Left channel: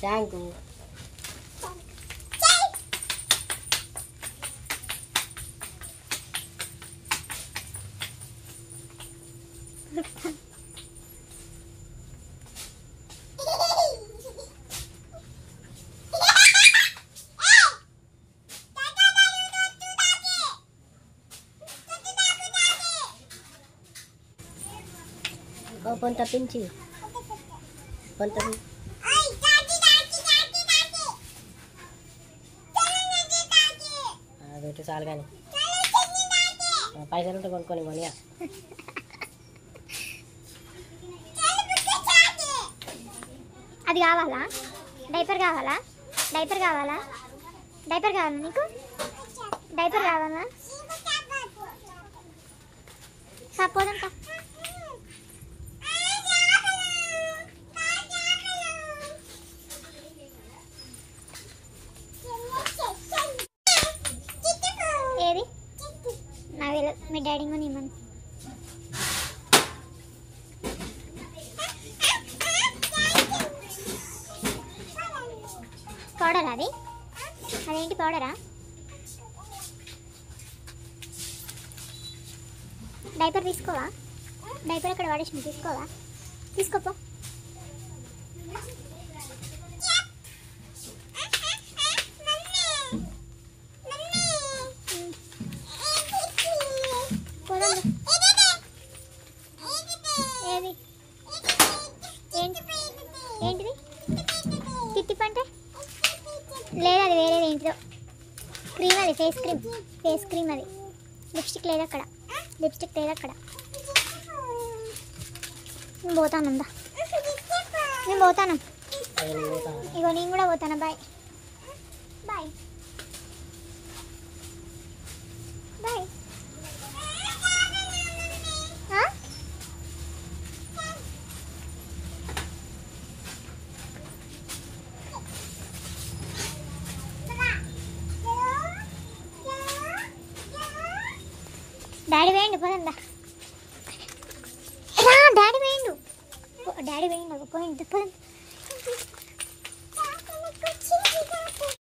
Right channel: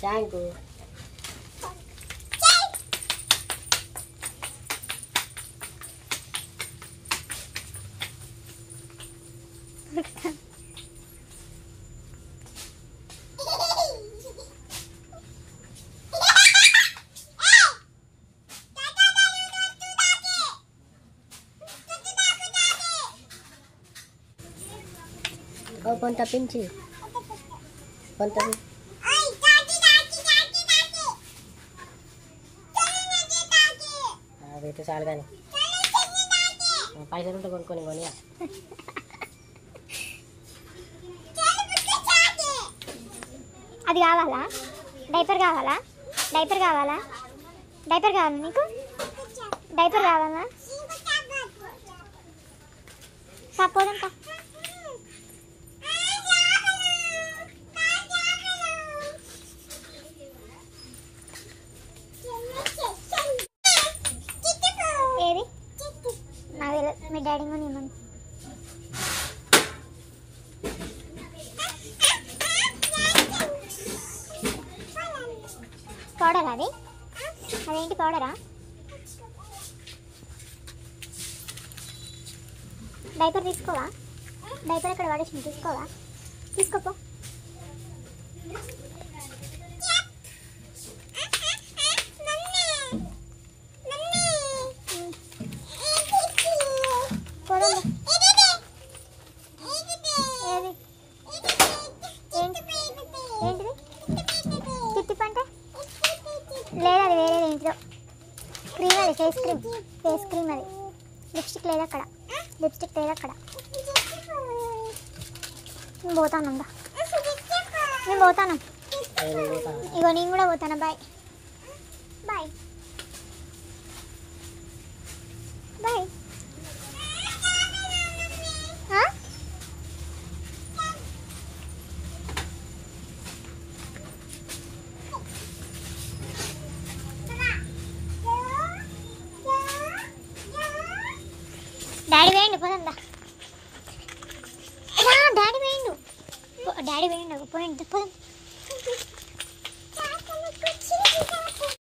Thank you. కొంత పెంచి కొంత పెట్టు చాలు కానీ పైసలు ఉంటే కొనుక్కొని కొనియా. అది కావాలా? డైపర్ కావాలా? డైపర్ కావాలా? డైపర్ కావాలా నీకు? డైపర్ కావాలా? పోదంతా ఏది నాకు తెలియదు. మీ డాడీ కొని ఇవ్వను. పౌడర్ అది? అదేంటి పౌడరా? డైపర్ తీసుకోవా? డైపర్ అక్కడ వాడేసి తీసుకోవా? తీసుకోపో. ఏంటిది తిట్టిప్ అంటే? లేదు, అది వేరేది ఏంటిదో క్రీమ్. అది ఫేస్ క్రీమ్. ఫేస్ క్రీమ్ అది. లిప్స్టిక్ లేదు అక్కడ. లిప్స్టిక్ లేదు అక్కడ. నేను పోతాను. నేను పోతాను. ఇగో నేను కూడా పోతాను. Bye bye bye. డాడీ వేయండి పోదా. డాడీ వేయండు. డాడీ వేయండి పోయింది.